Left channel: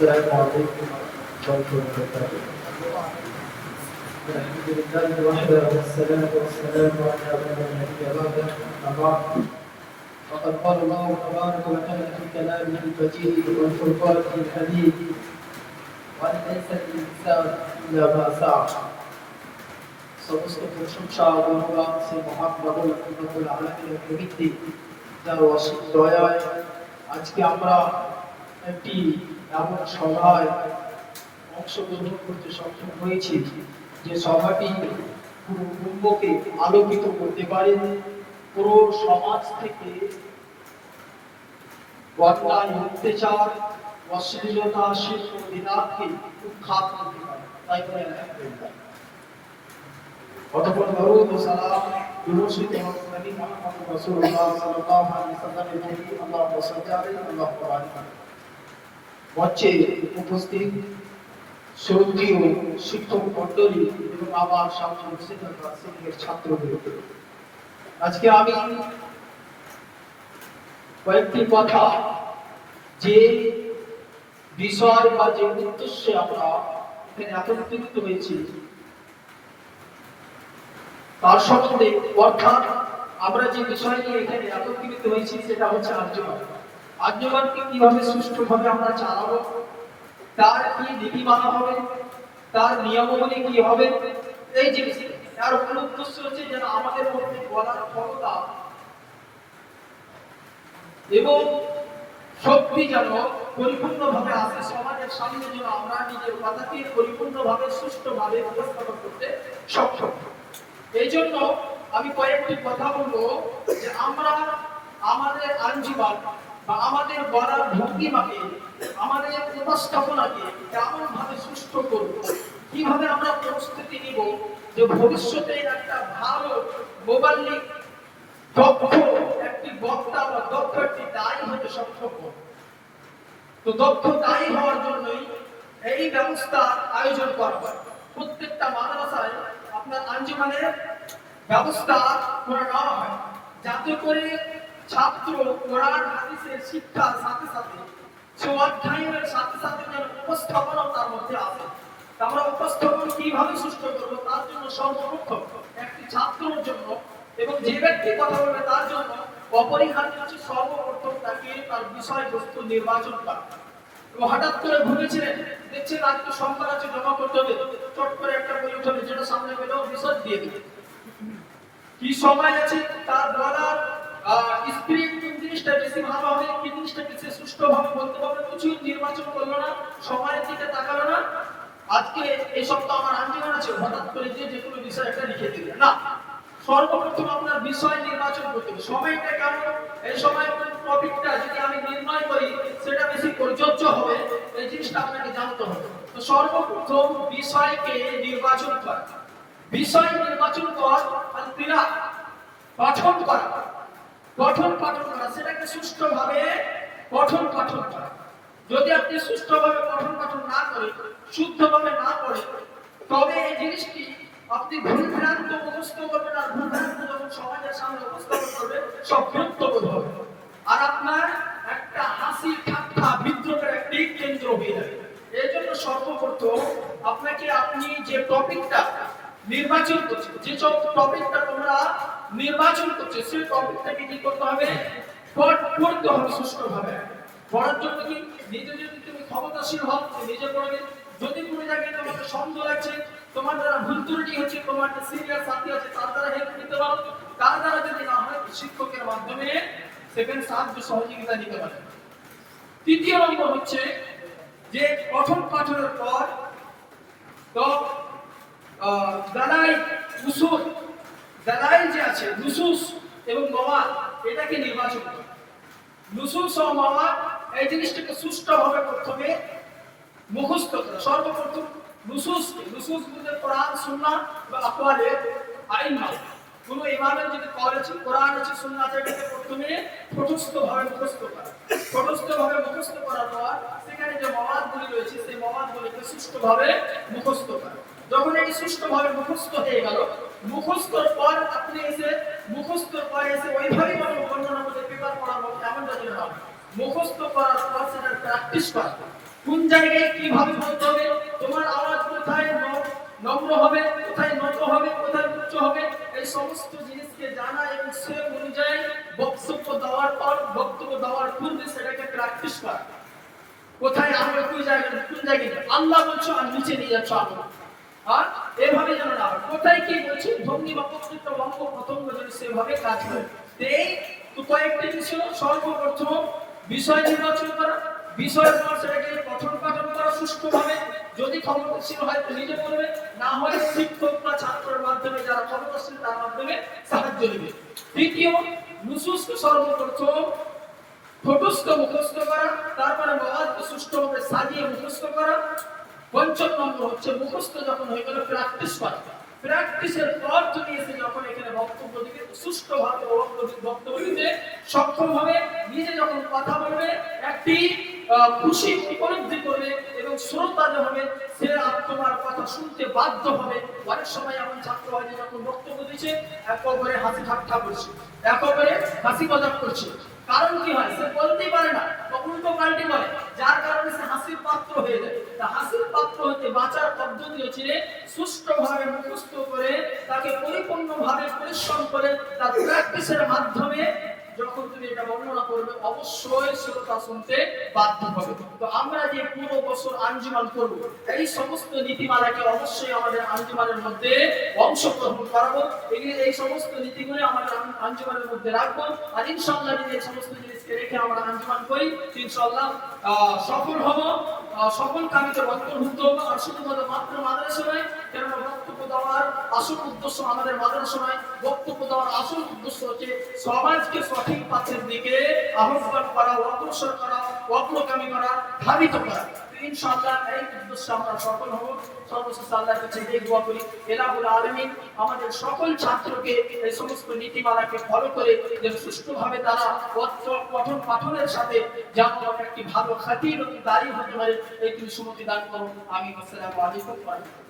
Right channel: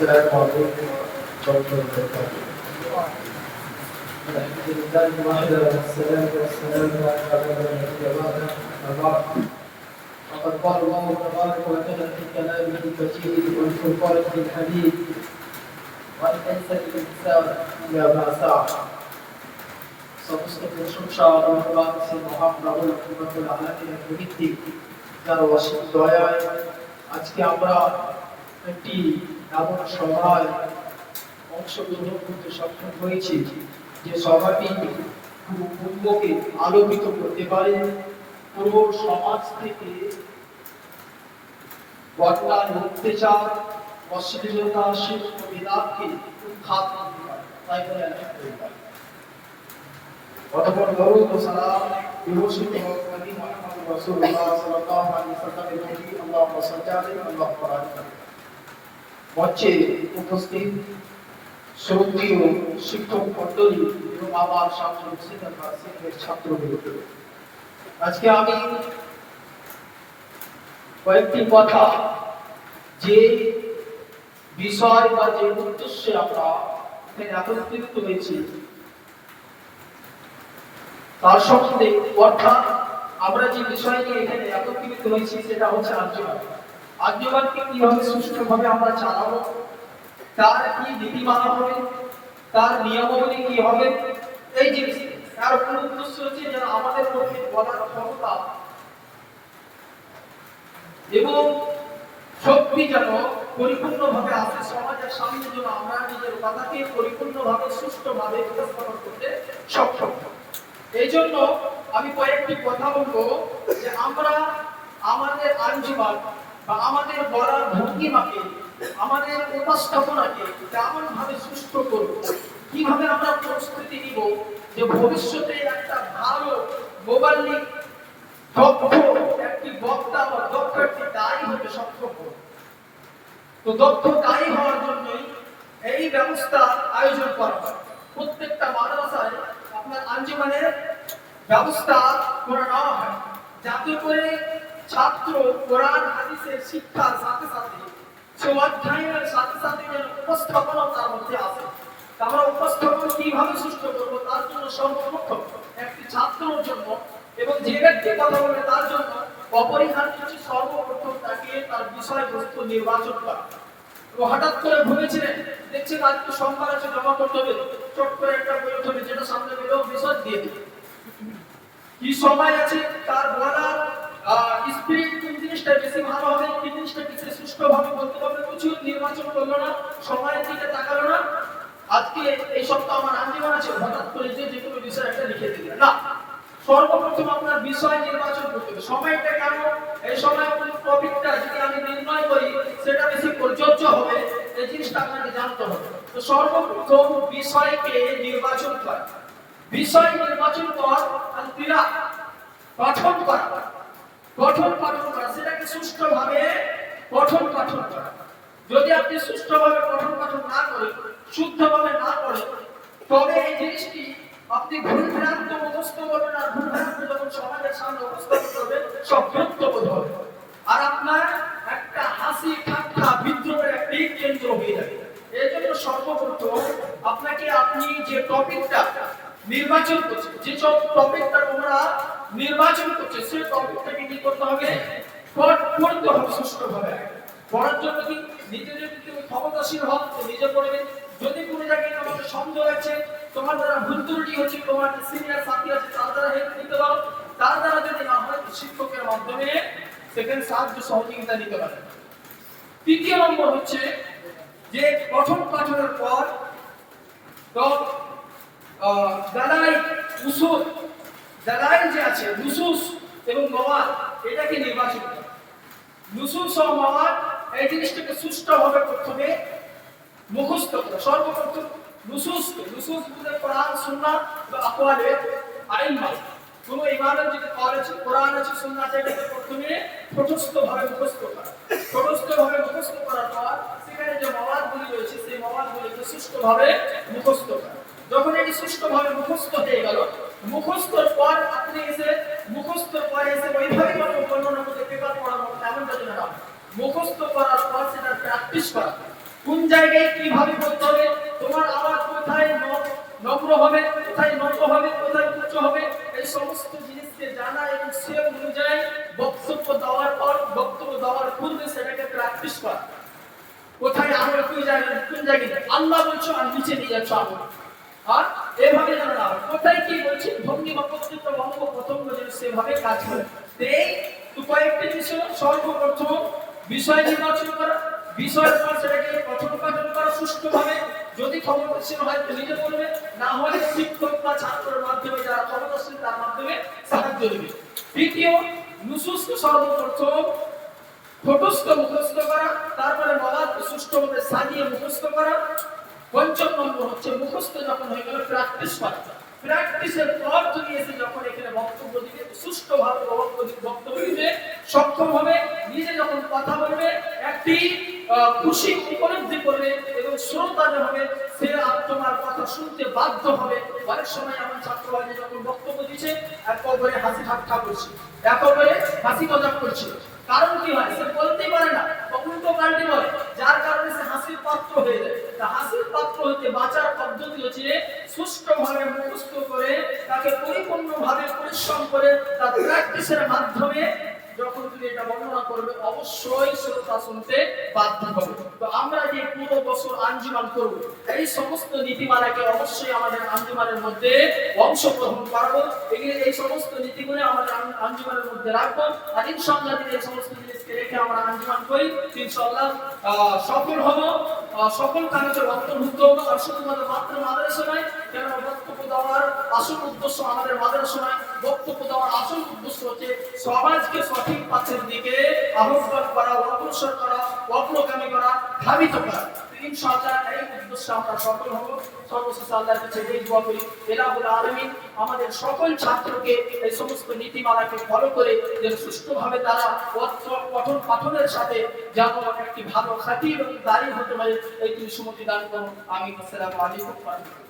السلام عليكم ورحمة الله وبركاته. الحمد لله وحده والصلاة والسلام على من لا نبي بعده أما بعد فقد قال الله تبارك وتعالى في كلامه المجيد والفرقان الحميد وأن ليس للإنسان إلا ما سعى. সমস্ত প্রশংসা ও ধন্যবাদ সেই মহান রব্বুল আলামিনের প্রভৃতি যার অসীম দয়ায় আজকে আমরা একটি এমন সভায় অংশগ্রহণ করতে সক্ষম হয়েছি যে সভাটি পুরো উম্মতকে আলোকিত করতে পারে, পুরো সমাজ থেকে বর্ণার অত্যাচার, অশ্লীলতা, শিল্প বিদাতকে উৎখাত করতে পারে। তাই বলে আলহামদুলিল্লাহ। অতঃপর দরুদ ও সালাম বিভূষিত নবী মুহাম্মদ রাসূলুল্লাহ সাল্লাল্লাহু আলাইহি ওয়াসাল্লামের প্রতি আল্লাহুম্মা সাল্লি আলাইহি আল্লাহুম্মা বারিক আলাইহি। মঞ্চে উপস্থিত শ্রদ্ধেয় শিক্ষক মণ্ডলী এবং আমার সামনে উপস্থিত সিনিয়র ছাত্রবৃন্দ, আজকে আমি কয়েকটি কথা যে বিষয় বা যে উদ্দেশ্যে আমরা এখানে একত্রিত হয়েছি তার সম্বন্ধে, অর্থাৎ আমরা যে বিষয় নিয়ে এখানে একত্রিত হয়েছি সেটা হচ্ছে আর্যবাদ। আর্যবাদকে কিভাবে সুষ্ঠুভাবে আমরা চালাবো, তার কি নীতিমালা হবে, তার নিয়মাবলী কি হবে, এই জিনিস তার মূল উদ্দেশ্য হচ্ছে যেন আমাদের মধ্যে বলার ক্ষমতা এবং শক্তি যেন পরিপূর্ণভাবে আসে, সমাজের সামনে যেন আমরা নিজের কথাকে পরিপূর্ণভাবে সুষ্ঠুভাবে উপস্থাপন করতে সক্ষম। এই জন্য আমি কয়েকটি কথা বলবো যে আমরা আমাদের আঞ্জুমান বা আমাদের বলার ভঙ্গিমাকে, আমাদের উপস্থাপনাকে কেমন ভাবে সুষ্ঠু করব, কিভাবে আমরা প্রস্তুতি নিব যে ভবিষ্যতে একটা ভালো মোবাল্লিক দক্ষ একটি বক্তা বা দক্ষ একটি দায়ী হতে সক্ষম হব। তো দক্ষ দায়ী হওয়ার জন্যই এই ব্যবস্থার আয়োজন করা হয়। প্রত্যেকটা মাদ্রাসায় আপনার আঞ্জুমানের ব্যবস্থা করে নেওয়া হয়, যাতে করে ছাত্র কোরআন হাদিসের শিক্ষার সাথে সাথে অধ্যয়নের সাথে সাথে উপস্থাপনা তার মধ্যে আছে। আমরা উপস্থাপন কিভাবে সুষ্ঠু করবো তার জন্য সর্বপ্রথম একটি ছাত্রের জন্য এবং যে ব্যক্তি কথা বলবে তার জন্য অপরিহার্য হচ্ছে সর্বপ্রথম তাকে তার বিষয়বস্তু নির্বাচন করা। হঠাৎ করে ভুলেছিলেন, দেখছেন আজকে সোমবার আছে, জমা করতে হবে, চট করে একটা বই উঠবে, যেটা সামনে পেলেও বিষয় দিয়ে দেবে। কি সময় আছে তার বলার স্পিরিট, কোন জিনিসটা বেশি ভালো হবে, কি জিনিসটা বেশি সুষ্ঠুভাবে বলতে হবে, কিছু নির্বাচন করলো না, সময়ের দিকে তাকালো না। আজকে এই সপ্তাহ আমার আঞ্জুমান আছে, হঠাৎ করে যে কোনো বিষয় একটা লিখে দিলেন না। সর্বপ্রথম আপনার বিষয় নির্বাচন করতে হবে। সময়টা কেন, এই সময় আপনার টপিকটা যদি আমি নির্ণয় করি সেটা বেশি প্রযোজ্য হবে, এই জিনিসটা আপনাকে জানতে হবে। তো সর্বপ্রথম বিষয়কে নির্বাচন করা, বিষয় নির্বাচন করার আলতিরা পঠন করা, পঠন পাঠন করা, সেটাকে সুষ্ঠুভাবে পঠন পাঠন করা। যদি আপনি সুষ্ঠুভাবে পঠন পাঠন না করেন, শুদ্ধভাবে না করেন, তবে এই জিনিসটি আপনি ভুলভ্রান্ত মুখস্থ করবেন, আর ভুলভ্রান্ত যখন সমাজের সামনে উপস্থাপন করবেন সব বিরক্তবোধ হবে, আর আপনার একটা হাসি ঠাট্টা বিদ্রোহের একটি কেন্দ্র হয়ে যাবে। এই জন্য সর্বপ্রথম আপনাকে আপনি যে টপিকটা নির্বাচন করছেন, যে টপিকটা তোমরা নির্বাচন করছে, সেই টপিকটাকে কি করতে হবে, পড়তে হবে সুষ্ঠুভাবে। পড়ার জন্য কি নিজে যদি তুমি ক্ষমতাশীল হও নিজে পড়বে। যদি কোনো জায়গায় তোমাকে সন্দেহ আছে, তোমার দ্বারা ভুল ত্রুটি হচ্ছে, তোমার সিনিয়র সাথী আছে তার দ্বারা হেল্প নিতে পারো, তার দ্বারা যদি না হয় শিক্ষকের মাধ্যমে সেখানে সাহায্য সহযোগিতা নিতে পারে। তৃতীয় নম্বর হচ্ছে যে প্রথম পাঠনের পর তো দালাইল উসুল, দালাইল যে আছে নুসুস এবং মাওয়াদ, এটাকে নির্বাচন করা। নুসুস ও মাওয়াদ এই জিনিসটাকে সুষ্ঠুভাবে প্রথমে মুখস্থ করা। সর্বপ্রথম নুসুসকে, নুসুস বলতে কোরআন সুন্নাহ বা আকওয়ালে আইম্মা, কোনো ইমামের যদি কল আছে, কোরআন আছে, সুন্নাহ আছে, এটাকে প্রথমে ঠোঁটস্থভাবে মুখস্থ করা। ঠোঁটস্থভাবে মুখস্থ করার পর সেখানে যে মাওয়াদগুলি রয়েছে সেই মাওয়াদগুলিকে সুষ্ঠুভাবে মুখস্থ করা। যখন এটি সুষ্ঠুভাবে মুখস্থ হয়ে গেল, মুখস্থর পর আপনি এসে মুখস্থর পরে এসে ওইভাবেই বর্ণনা করতে পেপার পড়ানো এমন যদি না, মুখস্থ করার পর সেটা প্র্যাকটিস করা। কোন জায়গায় কিভাবে বলতে হবে, তোমার আওয়াজ কোথায় নম্র হবে, কোথায় নত হবে, কোথায় উচ্চ হবে, এই সমস্ত জিনিসকে জানা এবং সে অনুযায়ী বক্তব্য দেওয়ার পর, বক্তব্য দেওয়ার পূর্বে সেটাকে প্র্যাকটিস করা। কোথায় আমরা কোন জায়গায় আল্লাহ বলছো আর নিচে নিয়ে যাচ্ছ আমরা, আর এভাবে যেন না হয়। কোথায় কি বলছি ভঙ্গি বা বক্তৃত্ব অঙ্গ প্রত্যঙ্গ যেন সেভাবে কাজ করে। এই কয়েকটি বিষয়, সর্বপ্রথম বিষয় নির্বাচন করা, বিষয়ের পর সেটাকে পঠন পাঠন করা সুষ্ঠুভাবে। যদি ক্ষমতাশীল হয় তো নিজে বলবে, না হয় শিক্ষক বা ছাত্রের মাধ্যমে, যারা ক্ষমতাশীল তার মাধ্যমে সাহায্য নেবে। দ্বিতীয়, নুসুসকে সর্বপ্রথম ঠোঁটস্থ মুখস্থ করা, তারপরে মওয়াজকে সুষ্ঠুভাবে সাজিয়ে মুখস্থ করা। পঞ্চম নম্বর হচ্ছে মুখস্থ যখন হয়ে গেল প্র্যাকটিস করা। প্র্যাকটিসের পর তুমি এসে যখন এখানে বক্তব্য দিবে, সুষ্ঠুভাবে বক্তব্য দিতে সক্ষম হবে, নিজে যখন কথা বলবে একটি খুশি উপলব্ধি করবে এবং শ্রোতা যে হবে সে তোমার কথা শুনতে বাধ্য হবে। অনেক সময় এমন ছাত্র হয় যে যখন বক্তব্য দিচ্ছে একেবারে হাসি ঠাট্টা করছে, একেবারে হাসি মজাক করছে। কারণ কি হয়, সে বলতেই পারে না, উল্টো পাল্টি বলে, যার কারণে সে হাসির পাত্র হয়ে যায়। তা হাসির পাত্র হতে বাঁচার পদ্ধতি হচ্ছে সুষ্ঠুভাবে মুখস্থ করে, তাকে পরিপূর্ণভাবে পরিশ্রম করে, তার প্র্যাকটিসের মাধ্যমে যখন তুমি এটা বর্ণনা করবে অবশ্যই শ্রোতা শুনতে বাধ্য হবে। তো আমরা যে পুরো বছর আঞ্জুমান করব, এই সমস্ত নীতিমালাকে অবশ্যই আমাদের আঞ্জুমানের মধ্যে অংশগ্রহণ করাবো। এই সমস্ত নীতিগুলো আমাদের আঞ্জুমানের মধ্যে রাখবো। আর ইনশাআল্লাহ যদি এই সমস্ত জিনিসকে রেখে আমরা আঞ্জুমান করি, ইনশাআল্লাহ সফল হব, সকল কাজের অন্তর্ভুক্ত হব। আর শুধুমাত্র মাত্র মাদ্রাসা নয়, কেননা বক্তব্য দেওয়ার আসল উদ্দেশ্য আমাদের মাদ্রাসা নয়, বক্তব্য দেওয়ার আসল উদ্দেশ্য হচ্ছে সমাজকে সঠিক পথের দিকে আহ্বান করা, অগ্রসর করা, অগ্রগামী করা, ধাবিত করা। ইনশাআল্লাহ এই উদ্দেশ্যে আমরা সফল হব। সর্বশেষ আল্লাহর কাছে এই দোয়া করি, ইলাহুল আলামিন আমাদের সকল ছাত্রকে এই সমস্ত নীতিমালাকে ফলো করে যেন সুষ্ঠুভাবে তারা পঠন পাঠনের সাথে যেন একটি ভালো খাতির এবং দাঁড়িয়ে হতে পারে, এই তুমি সুমতি দান করুন। আমি আসসালামু আলাইকুম।